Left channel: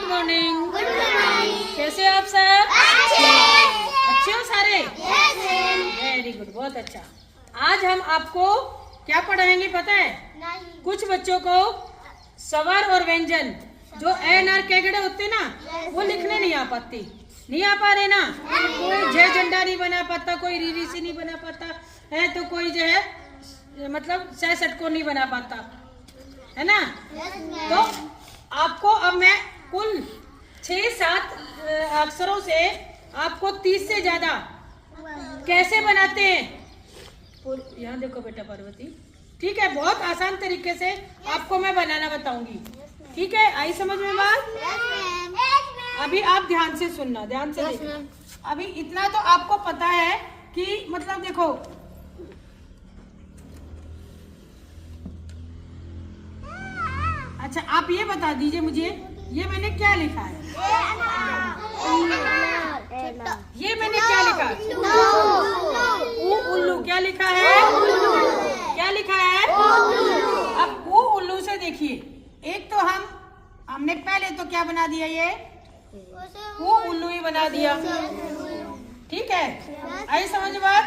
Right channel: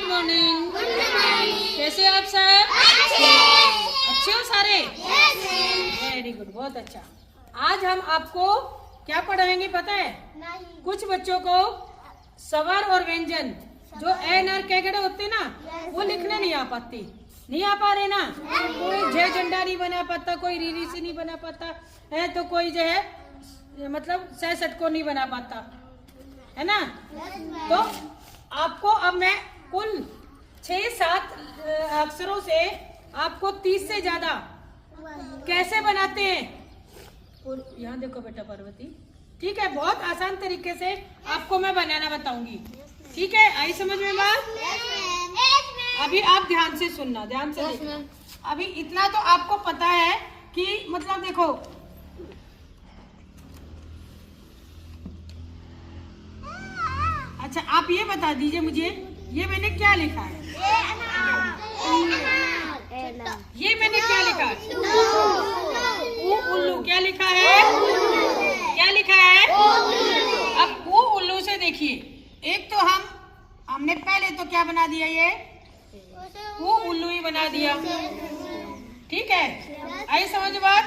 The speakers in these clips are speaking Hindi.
Good morning. कैसे आप सब? अच्छे हो सारे? वेरी गुड, बहुत अच्छा। आज हम आपको क्या पढ़ाएंगे पता है? कुछ बच्चों को स्वर और व्यंजन जो एन आर कैगड़े होते ना, वो लिखने नहीं आ पाते। नहीं आ पा रहे ना? कोई जय झंडा नहीं बना पाता, कोई रीरी सी नहीं बना पाता है, तो कोई जो है मतलब सह षटकों नहीं बना पाता है ना। तो आपको अब मैं कुल 6-7 अक्षरों से आपको 30 से ज्यादा कैसे बनाते हैं, यहाँ देखो बेटा पार्वती, ठीक है? बहुत आसान तरीके से आपको मैं बनाना बताऊंगी, ठीक है? आई समझ में बात? अभी आप ध्यान से सुनना, ध्यान से देखना। अभी इतना तो आपको पता है कि मतलब देखो, अच्छा आप ये बता दीजिए मुझे, ये मैंने क्या लिखा है? ये मैंने क्या लिखा? उल्लू। क्या लिखा है? क्या लिखा है? अब उल्लू से देखिए, एक तो हमने पहले तो क्या बना दिया, ये उल्लू ही बना दिया, ठीक है? आई समझ बात?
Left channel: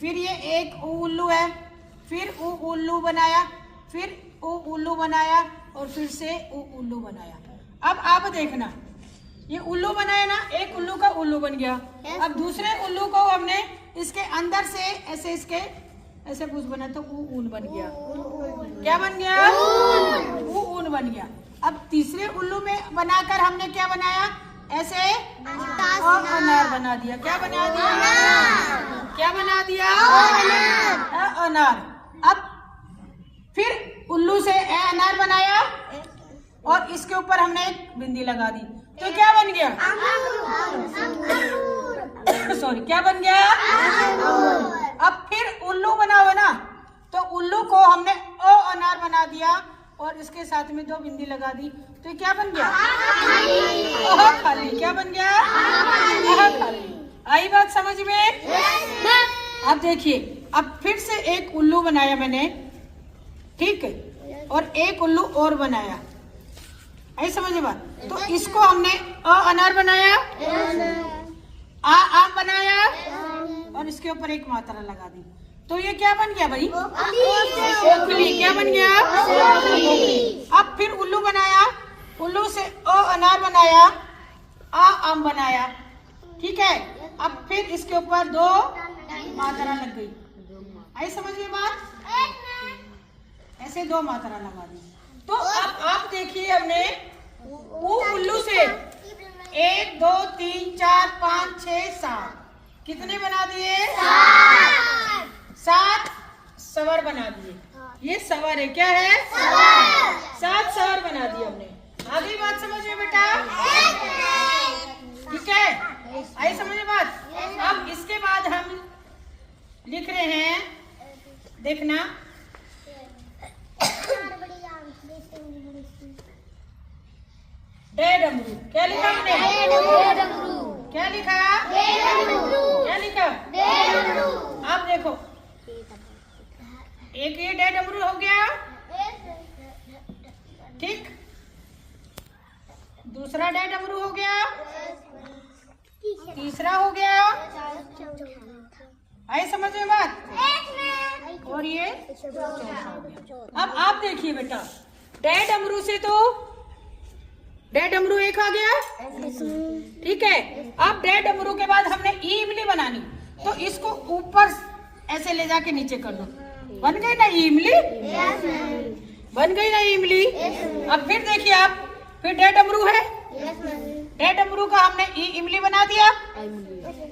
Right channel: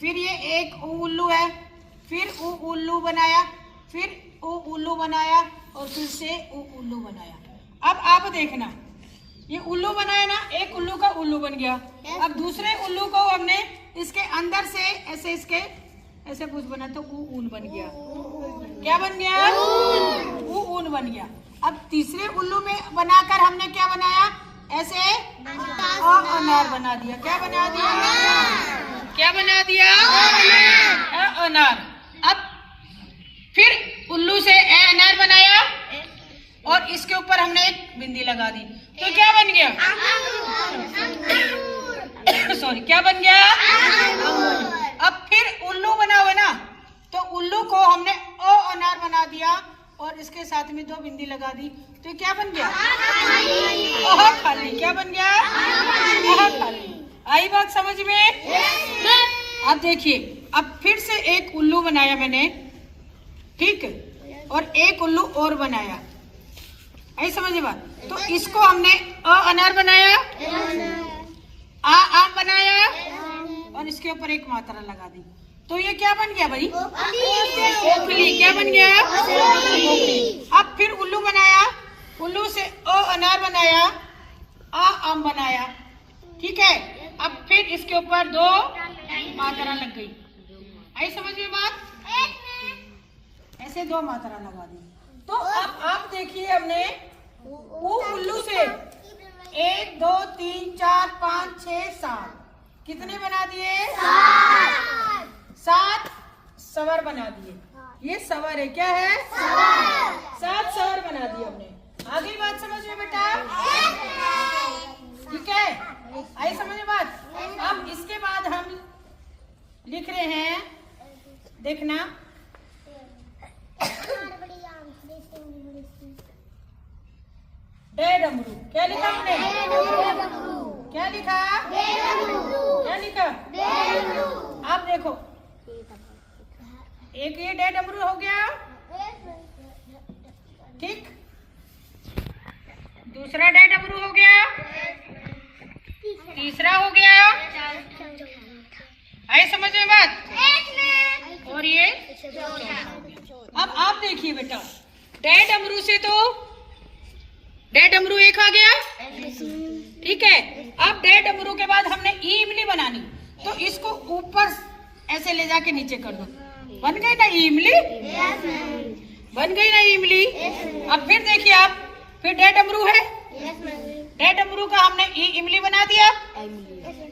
फिर ये एक उल्लू है, फिर उल्लू बनाया, फिर उल्लू बनाया, और फिर से उल्लू बनाया। अब आप देखना, ये उल्लू बनाया ना, एक उल्लू का उल्लू बन गया। अब दूसरे उल्लू को हमने इसके अंदर से ऐसे इसके ऐसे कुछ बना तो ऊन बन गया। क्या बन गया? ऊन बन गया। अब तीसरे उल्लू में बनाकर हमने क्या बनाया? ऐसे अनार बना दिया। क्या बना दिया? क्या बना दिया? अनार। अब फिर उल्लू से अनार बनाया और इसके ऊपर हमने एक बिंदी लगा दी, तो क्या बन गया? सॉरी, क्या बन गया? अब फिर उल्लू बना हुआ ना, तो उल्लू को हमने अनार बना दिया और इसके साथ में 2 बिंदी लगा दी, तो क्या बन गया? खाली। क्या बन गया? खाली। आई बात समझ में? अब देखिए, अब फिर से एक उल्लू बनाया मैंने, ठीक है, और एक उल्लू और बनाया। आई समझ बात? तो इसको हमने अनार बनाया, आम बनाया, और इसके ऊपर एक मात्रा लगा दी, तो ये क्या बन गया भाई? ओखली। क्या बन गया? अब फिर उल्लू बनाया, उल्लू से अनार बनाया, आम बनाया, ठीक है? अब फिर इसके ऊपर 2 मात्रा लग गई। आई समझ में बात? ऐसे 2 मात्रा लगा दी। तो अब आप देखिए, हमने उल्लू से 1 2 3 4 5 6 7 कितने बना दिए? 7 स्वर बना दिए। ये स्वर है, क्या है? 7 स्वर बना दिए हमने। आगे बात समझ में बेटा? ठीक है, आई समझ में बात? अब इसके बाद हम लिख रहे हैं, देखना, डे डमरू। क्या लिखा हमने? क्या लिखा? क्या लिखा? आप देखो, एक ये डे डमरू हो गया, ठीक, दूसरा डे डमरू हो गया, तीसरा हो गया। आई समझ में बात? और ये अब आप देखिए बेटा, डे डमरू से तो डे डमरू एक आ गया, ठीक है? अब डे डमरू के बाद हमने इमली बनानी, तो इसको ऊपर ऐसे ले जाके नीचे कर दो, बन गई ना इमली? बन गई ना इमली? अब फिर देखिए आप, फिर डे डमरू है, डे डमरू का हमने इमली बना दिया।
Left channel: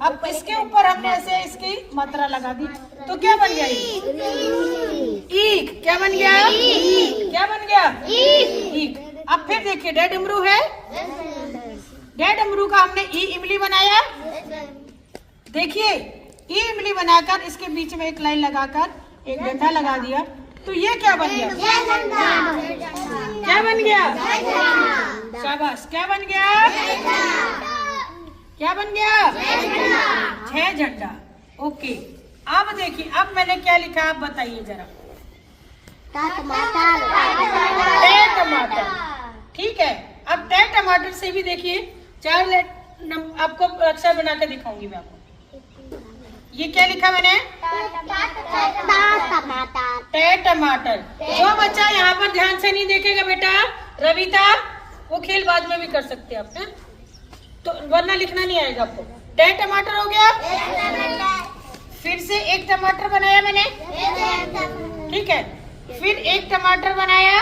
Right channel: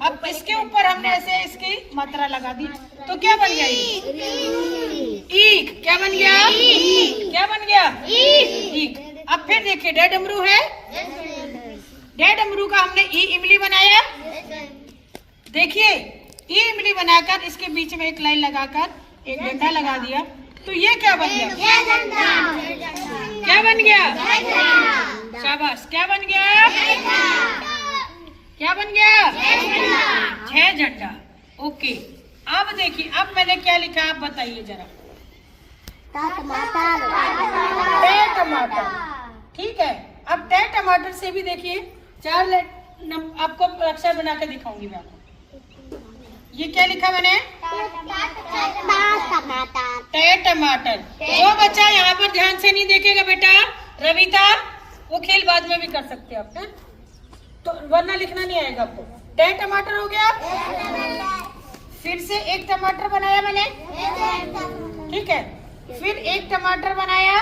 अब इसके ऊपर हमने ऐसे इसकी मात्रा लगा दी, तो क्या बन गया? ईक। क्या बन गया? क्या बन गया? ईक। अब फिर देखिए, डे डमरू है, डे डमरू का हमने इमली बनाया, देखिए इमली बनाकर इसके बीच में एक लाइन लगाकर एक डंडा लगा दिया, तो ये क्या बन गया? क्या बन गया? शाबाश। क्या बन गया? क्या बन गया? 6 झंडा। ओके, अब देखिए, अब मैंने क्या लिखा आप बताइए जरा। टमाटर। टमाटर। ठीक है, अब टे टमाटर से भी देखिए 4 आपको अक्षर बना के दिखाऊंगी मैं आपको। ये क्या लिखा मैंने? टे टमाटर। जो बच्चा यहाँ पर ध्यान से नहीं देखेगा बेटा, रविता, वो खेल बाद में भी कर सकते हैं आप, है? तो वरना लिखना नहीं आएगा आपको। टे टमाटर हो गया। फिर से 1 टमाटर बनाया मैंने, ठीक है। फिर 1 टमाटर बनाया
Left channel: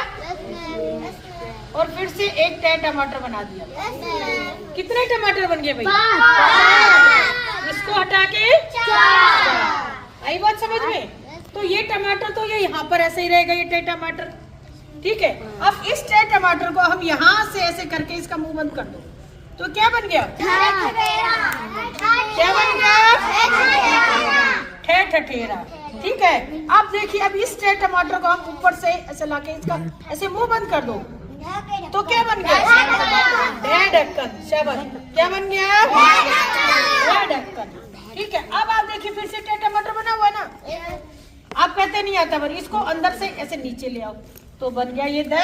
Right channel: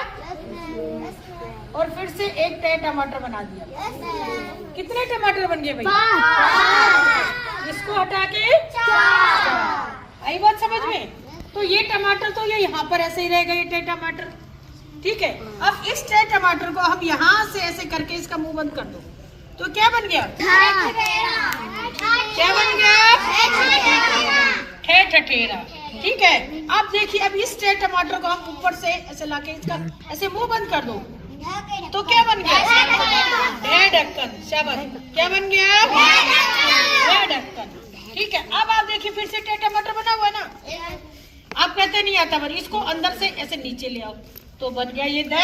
और फिर से 1 टे टमाटर बना दिया। कितने टमाटर बन गए भाई? इसको हटा के 4। आई बात समझ में? तो ये टमाटर तो ये यहाँ पर ऐसे ही रहेगा, ये टे टमाटर। ठीक है, अब इस टे टमाटर को हम यहाँ से ऐसे करके इसका मुंह बंद कर दो, तो क्या बन गया? क्या बन गया? ठे ठठेरा। ठीक है, अब देखिए, अब इस टे टमाटर को हम ऊपर से ऐसे लाके इसका ऐसे मुंह बंद कर दो, तो क्या बन गया? ढे ढक्कन। शाबाश। क्या बन गया? ढे ढक्कन। ठीक है, अब आप देखिए फिर से टे टमाटर बना हुआ ना, आप कहते नहीं आता, पर इसको अंदर से ऐसे नीचे ले आओ, तो बन गया ये दे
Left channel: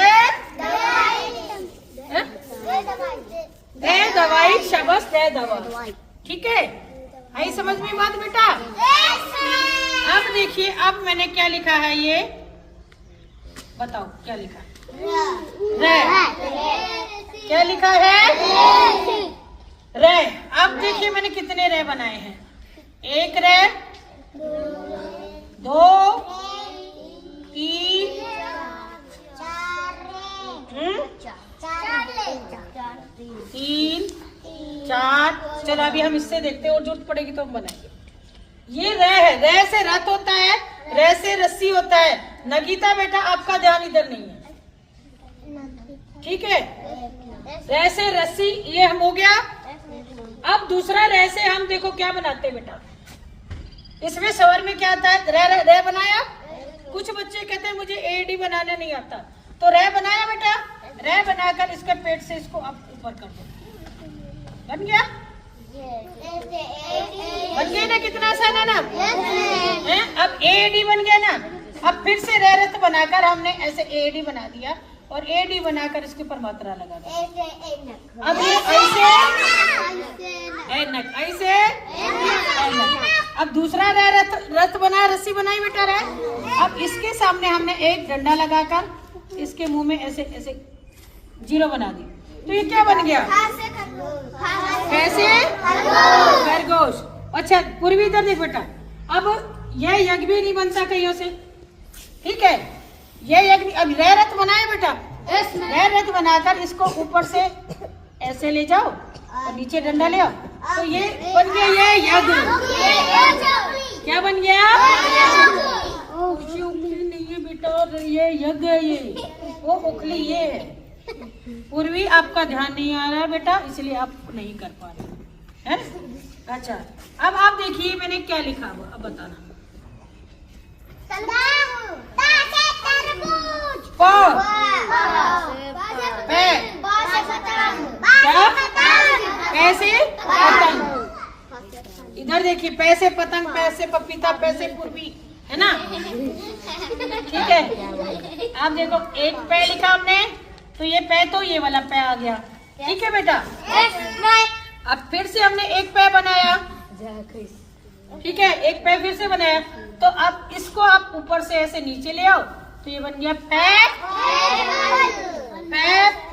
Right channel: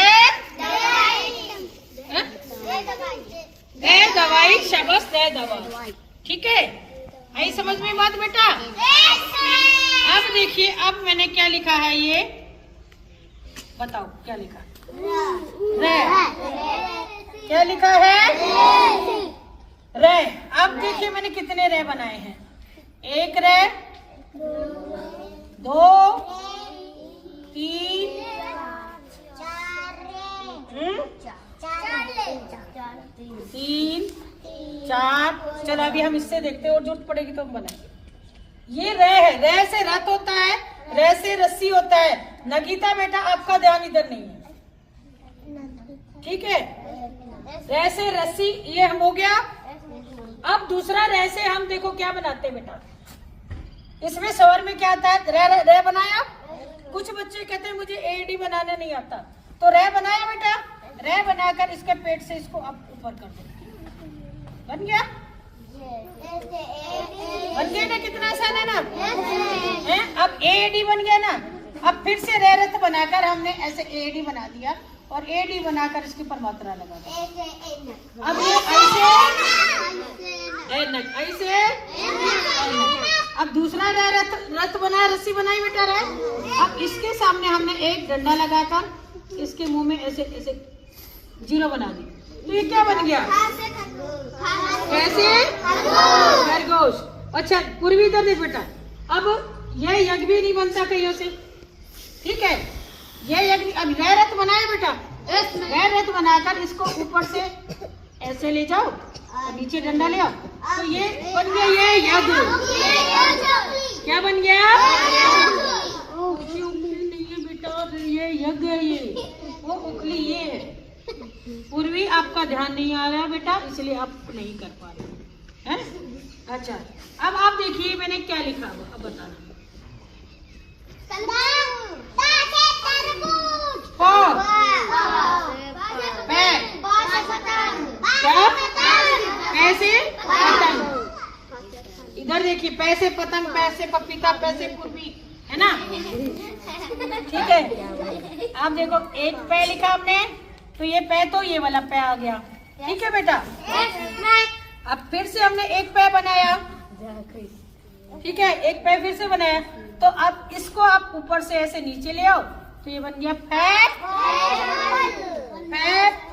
दवाई। शाबाश, दे दवाई। ठीक है, आई समझ में बात बेटा? अब देखिए, अब मैंने क्या लिखा है, ये बताओ क्या लिखा? रे। क्या लिखा है? रे। अब देखिए मैंने कितने रे बनाए हैं? 1 रे, 2, 3, 3, 4। चलो अभी हम इससे देखते हैं, और जरूरत पड़ेगी तो हम बनाएंगे। ये रे है, रे से रथ होता है, रे से रस्सी होता है। नगीता बेटा, आपका ध्यान इधर नहीं है, ठीक है? रे से रस्सी, ये हम हो गया। अब दूसरा रे से हम देखो क्या बनाते हैं बेटा। इसमें स्वर में क्या आता है? रे, रे बनाया। कुछ बच्चे कहते हैं मुझे एडी बनाने नहीं आता, तो रे बनाया बेटा। रे बनाकर इसके पेट से इसको आप ऊपर कर दो, बन गया। बन गया ना? कितना आसान है ना? है? अब एडी बन गया ना। अब फिर से रे रथ बनाकर हमने ऐसे एडी बना दिया, और एडी बनाकर इसके ऊपर मात्रा लगा दी। अब ये ऐसे अब दूसरा रे रथ बनाया, रस्सी बनाई बेटा रे। अब इसके सामने हमने एक डंडा लगाकर इसके मुंह में ऐसे ऐसे 0 बना दी, तो ये क्या बन गया? ऐसे खरगोश। अच्छा पूर्वी इधर देख बेटा, अब ये यज्ञ भी नहीं बनता कहीं से, ठीक है? ये यज्ञ, अब रे रथ बनाए बेटा, रे रथ बनाकर इसको ऊपर से ऐसे ले जाओ और नीचे डंडा ले आओ, तो ये बन गया ये यज्ञ। क्या बन गया? नहीं है बेटा, ये यज्ञ है, ये वो उखली ये है। पूर्वी आपका ध्यान नहीं आ रहा बेटा, इसलिए आप नहीं कर पा रहे हैं। अच्छा अब आप देखिए मैंने क्या लिखा, अब बताना। पैसे पतंग। इधर देखिए, पैसे पतंग, पैसे पपीता, पैसे पूर्वी, है ना? ठीक है, आप देखो 1 पै लिखा हमने, तो ये पै तो ये वाला पै आ गया, ठीक है बेटा? अब फिर से हमने 1 पै बनाया, ठीक है? 1 पै फिर से बनाया, तो अब इसको आप ऊपर से ऐसे नीचे ले आओ, तो ये बन गया पै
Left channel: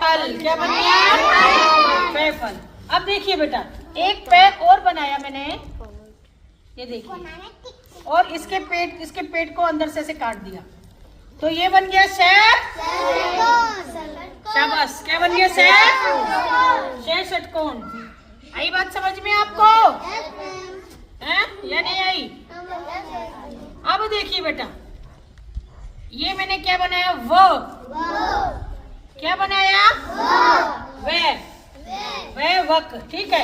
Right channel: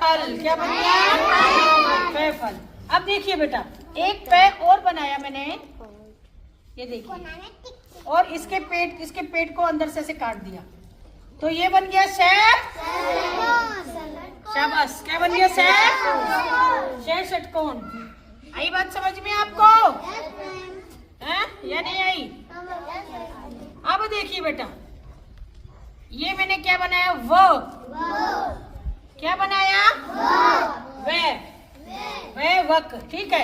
फल। क्या बन गया? पै फल। अब देखिए बेटा, 1 पै और बनाया मैंने, ये देखिए, और इसके पेट को अंदर से ऐसे काट दिया, तो ये बन गया शाबाश। क्या बन गया? शे षटकोण। आई बात समझ में आपको? हैं या नहीं आई? अब देखिए बेटा, ये मैंने क्या बनाया? व। क्या बनाया? वह वक, ठीक है?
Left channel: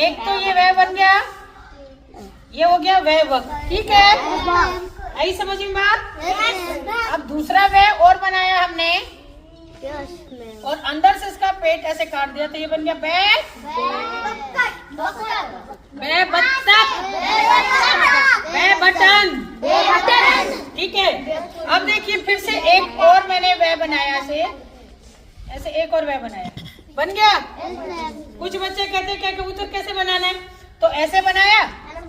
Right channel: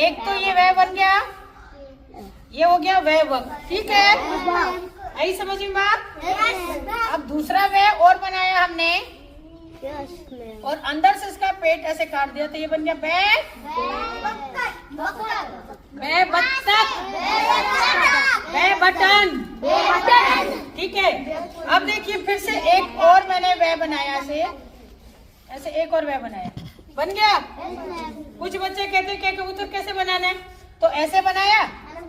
एक तो ये वह बन गया, ये हो गया वह वक, ठीक है? आई समझ में बात? अब दूसरा वह और बनाया हमने, और अंदर से इसका पेट ऐसे काट दिया, तो ये बन गया बटन, ठीक है? अब देखिए फिर से एक और मैंने वह बनाया से, ऐसे एक और वह बनाया, बन गया। कुछ बच्चे कहते क्या कबूतर कैसे बनाना है, तो ऐसे बनाया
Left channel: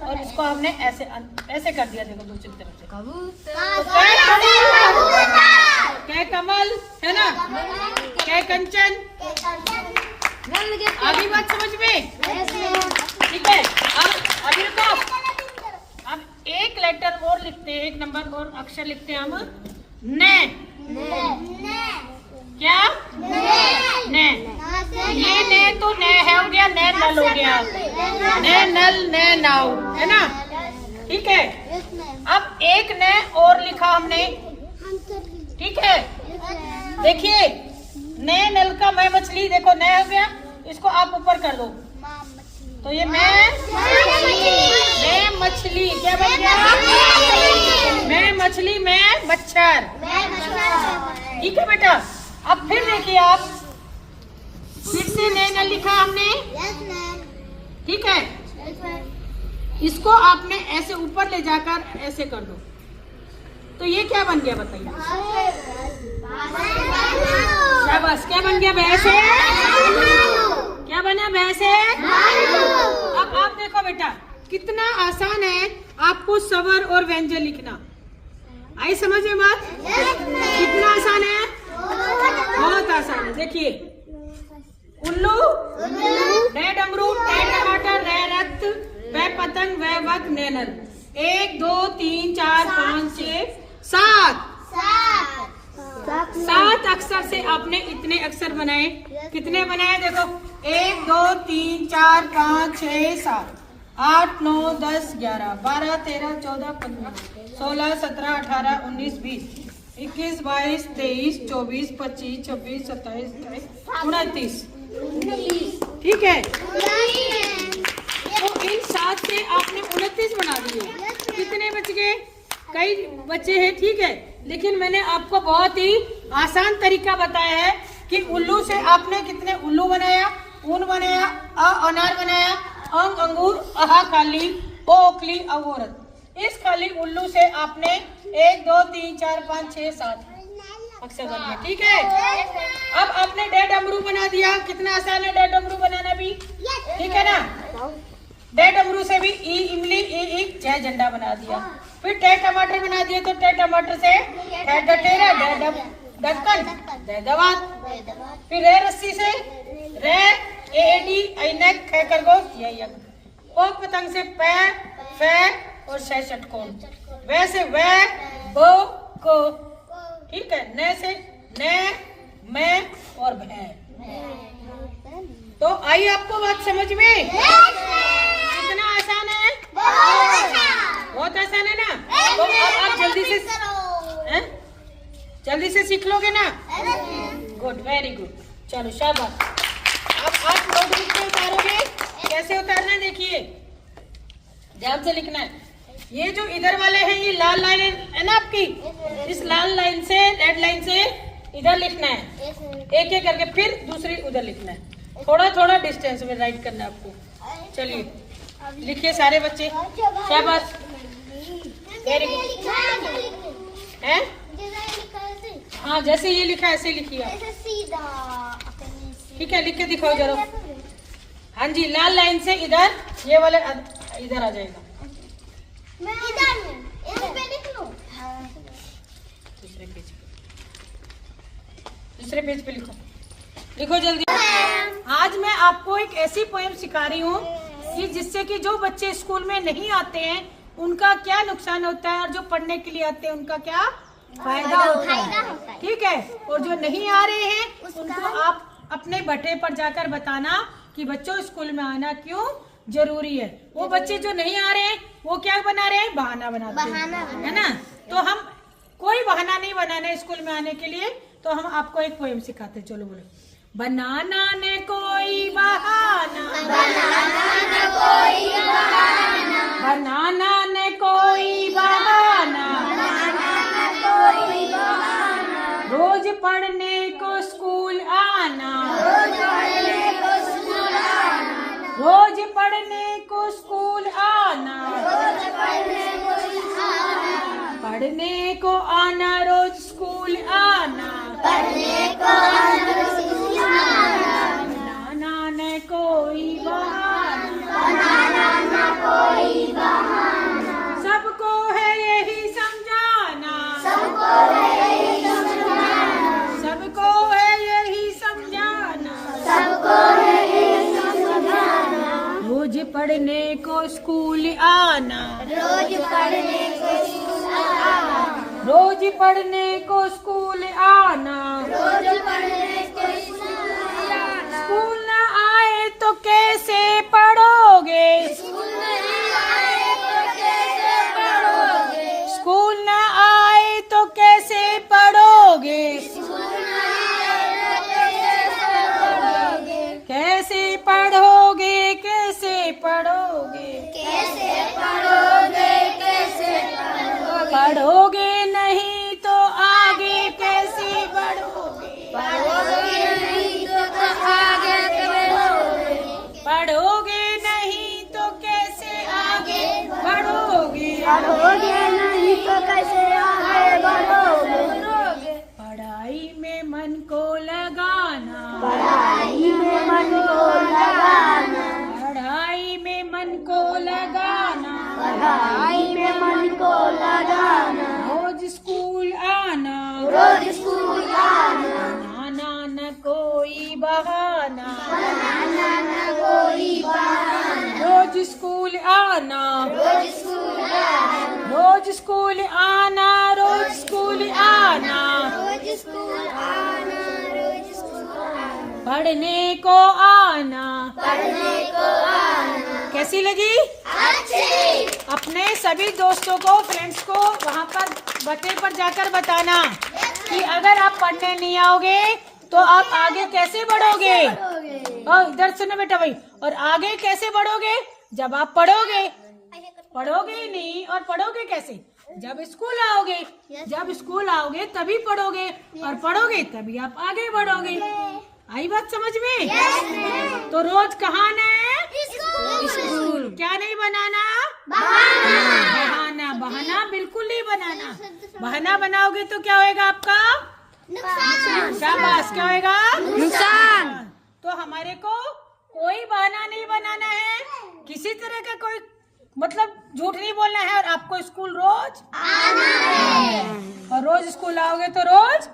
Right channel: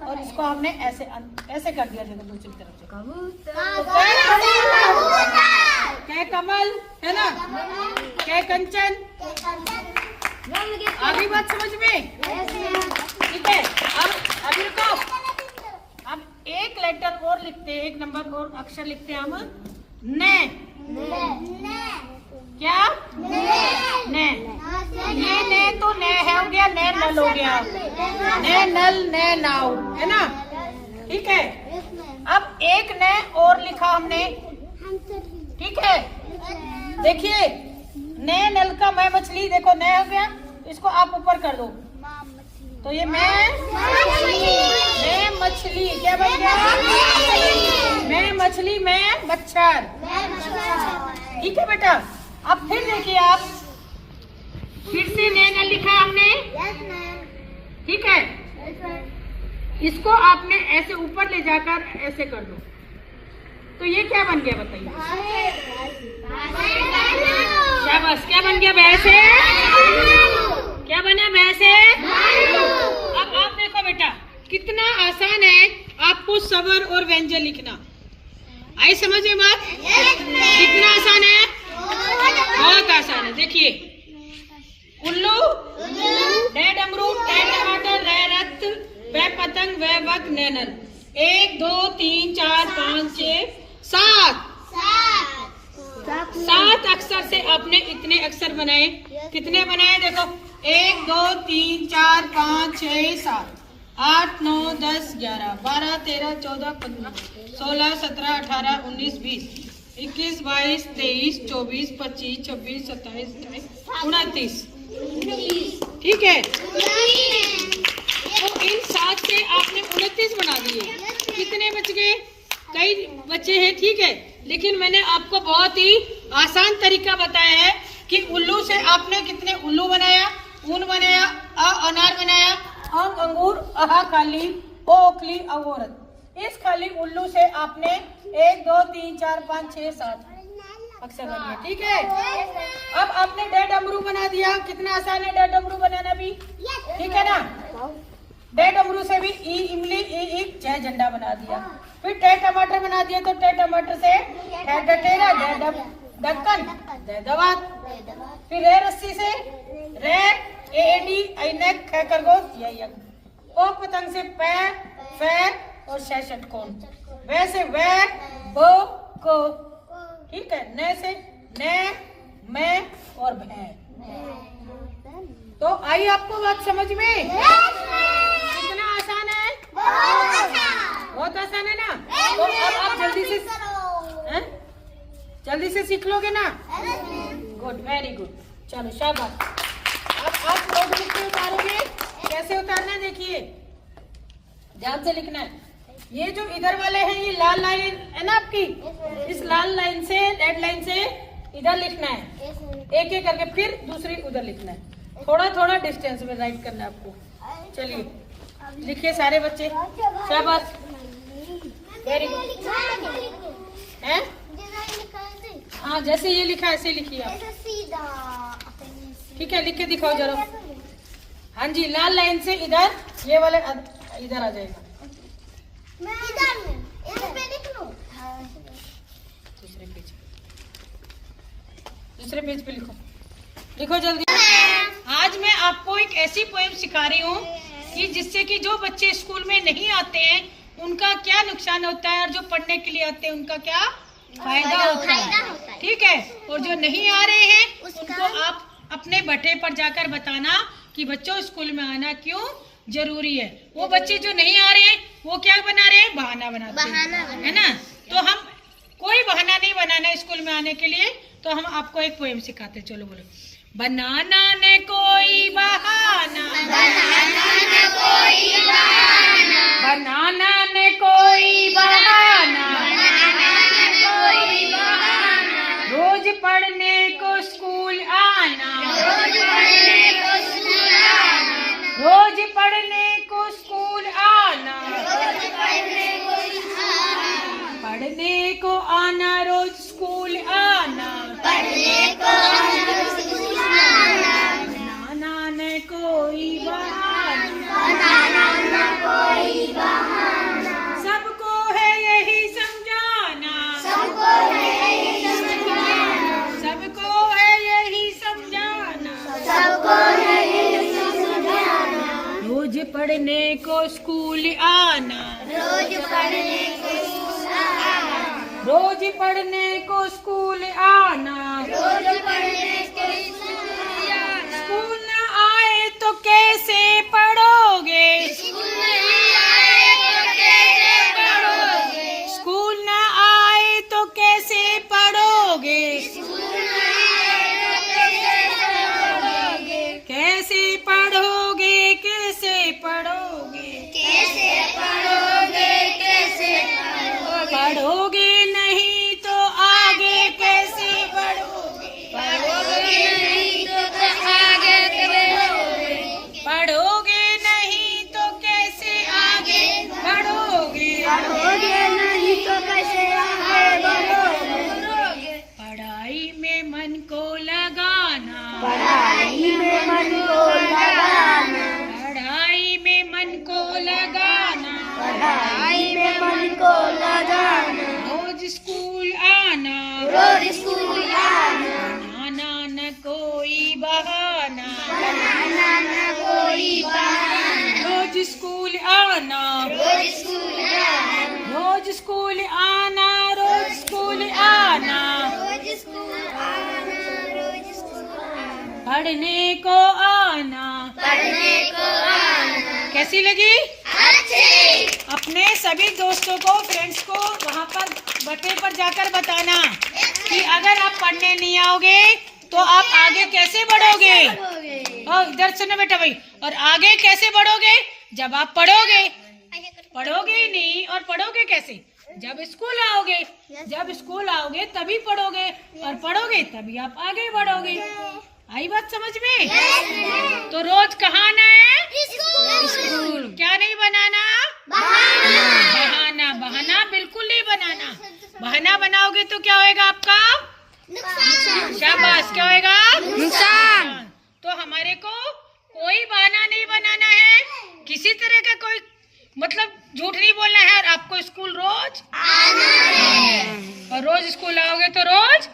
और इसको हमने ऐसे ऐसे कर दिया। देखो दूसरी तरफ से कै कमल है ना, कै कंचन। अभी बात समझ में, ठीक है। अब अभी रुको, अब एक लेटर और लिखते हैं, एक नंबर और अक्षर लिखते हैं हम, ने। क्या ने, ये ने तो ने है हो गया, ने नल हो गया, ने नल ने नाव है ना, ठीक है। अब एक ने और लिखा हमने, ठीक है। देखिए ने नल का मैं मछली, देखो ने हो गया, इसको आप ऊपर कर दो तो ये मैं मछली, क्या बन गया, मैं मछली, मैं मच्छर, ठीक है बेटा। अब फिर देखिए आप, फिर से ने नल लिखा हमने, ठीक है। इसको आपने ऐसे ऊपर ले जाकर ऐसे कर दो तो ये क्या बन गया बताइए, शाबाश, क्या बन गया, भैंस है। क्या बना, भैंस है। अब आप देखो बेटा कितना आसान है आपको स्वर और व्यंजन लिखना, आई समझ में बात, कितना आसान है, बहुत आसान है। देखिए उल्लू, डे डमरू, टै टमाटर, रै रथ, वह पतंग, वह वक, नैनल। 1 2 3 4 5 6 7 अक्षर से आपने इतने अक्षर बनाए। कितने बनाए देखो, 1 2 3 4 5 6 7 8 9 10 11 12 13 14 15 16 17 18 19 20 21 22 23 24 25 26 27 28 29, ठीक है। तो इन 7 से आपने 29 बना दिए। कितने बच गए, कई बच्चे हैं, ठीक है। लेकिन मैंने आपको बहुत ही आसान तरीका बताया है कि उल्लू से आपने कितने उल्लू बनाया, ऊन बनाया, अनार बनाया, अंग अंगूर, अहा खाली, ओ ओखली, औरत। इस खाली उल्लू से आपने 1 2 3 4 5 6 7 अक्षर बन गया, ठीक है। अब आपने डे डमरू बना दिया, कितना आसान है डे डमरू बनाना भी, ठीक है ना। डे डमरू से भी ई इमली, ई इक, जय झंडा बना दिया। फिर टै टमाटर बना दिया तो टै टमाटर से ठेरा, ढक्कन, दवात। फिर रे रस्सी से रे, एडी, ऐनक, ख खरगोश, यक। ओ पतंग से पै, फै और शै षटकोण। वैसे वह, बो, को, ठीक है। न से ने, मैं और भैं। तो आई आपको बात समझ में, कितना आसान है, बहुत आसान है ना। तो अब आप जल्दी से सीख लोगे ना, गुड, वेरी गुड, चलो शाबाश। अब आप नोटबुक पे उतारोगे, कैसे उतारना देखिए, ध्यान से लिखना है। ये जो इधर वाले हैं ये लाल लाइन है ना आपकी, इस लाल लाइन से, रेड लाइन से इधर लिखना है, एक एक करके, फिर दूसरी उधर लिखना है। थोड़ा थोड़ा डिस्टेंस में राइट करना है आपको। चलिए लिखिए सारे बच्चे, शाबाश, वेरी गुड। हैं? हाँ जैसे ये लिखा ऐसे लिखिए आप, ठीक है। लिख के दिखाओ जरा। हाँ जी, लाल लाइन से इधर, ये वाले इधर आ जाएगा। दूसरे पेज पे लिखो, लिखो जल्दी। आज मैं आपको एक ऐसी पोएम सिखा रही हूँ कि जिससे कि जो बच्चे स्कूल में नहीं आते हैं उनका क्या नुकसान होता है और जो पढ़ने के लिए आते हैं उनका क्या फायदा होता है, ठीक है। और जो नहीं आ रहे हैं उनको आप अपने बटे पर जाकर बताना कि बच्चों स्कूल में आना क्यों जरूरी है। वो बच्चे जो नहीं आ रहे हैं वो क्या बना रहे हैं, बहाना बनाते हैं, है ना। तो हम कोई बहाना नहीं बनाना स्कूल में आने के लिए। तो हम आपको एक पोएम सिखाते, चलो बोलो। बनाना ने कोई बहाना, बनाना ने कोई बहाना, बनाना ने कोई बहाना, बनाना ने कोई बहाना, रोज पढ़ने को स्कूल आना, रोज पढ़ने को स्कूल आना, रोज पढ़ने को स्कूल आना, रोज पढ़ने को स्कूल आना, पढ़ने को आना रोज स्कूल आना, पढ़ने को आना रोज पढ़ने को स्कूल आना, रोज पढ़ने को स्कूल आना, रोज पढ़ने को स्कूल आना, रोज पढ़ने को स्कूल आना। स्कूल न आए तो कैसे पढ़ोगे, स्कूल नहीं आए तो कैसे पढ़ोगे, स्कूल न आए तो कैसे पढ़ोगे, स्कूल नहीं आए तो कैसे पढ़ोगे, कैसे पढ़ोगे, कैसे पढ़ोगे, कैसे पढ़ोगे, कैसे पढ़ोगे, पढ़ोगे नहीं तो आगे कैसे बढ़ोगे, पढ़ोगे नहीं तो आगे बढ़ोगे, पढ़ोगे नहीं तो कैसे आगे बढ़ोगे, पढ़ोगे नहीं तो कैसे आगे बढ़ोगे, पढ़ाई में मन को लगाना, पढ़ाई में मन को लगाना, पढ़ाई में मन को लगाना, पढ़ाई में मन को लगाना, रोज स्कूल आना, रोज स्कूल आना, बनाना न कोई बहाना, कोई बहाना, रोज स्कूल आना, रोज स्कूल आना, रोज स्कूल आना, रोज स्कूल आना, रोज स्कूल आना, रोज स्कूल आना, पढ़ने को आना। पढ़ने को आना। कैसी लगी? अच्छी। अपने सभी दोस्तों को, फ्रेंड्स को वहाँ पर बटे पर जाकर बताना कि अगर आप पढ़ने नहीं आओगे तो आप आगे कैसे बढ़ोगे। और इधर सुनो बेटा भाई, और आगे कैसे बढ़ोगे? जब आप पढ़ोगे, पढ़ोगे ही नहीं और पढ़ोगे कैसे? जब स्कूल आओगे, जब स्कूल आओगे तभी पढ़ोगे, और पढ़ोगे तभी आप आगे बढ़ोगे। आई बात समझ में? तो रोज कहाँ आना है? स्कूल। क्या नहीं बनाना? बहाना। बहाना बिल्कुल नहीं बनाना। बहाना बनाओगे तो क्या होएगा आपका? शाबाश। क्या होएगा? नुकसान। तो हमारे को कोई बहाना नहीं बनाना है, किसी तरह का कोई मतलब झूठ नहीं बोलना है, और आपको स्कूल रोज और रोज स्कूल आओगे तो रोज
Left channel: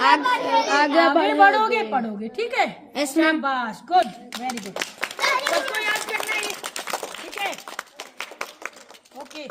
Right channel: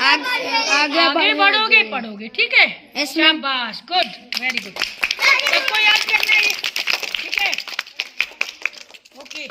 आगे बढ़ोगे, पढ़ोगे। ठीक है? शाबाश, गुड, वेरी गुड। सबको याद करना है। ठीक है? ओके।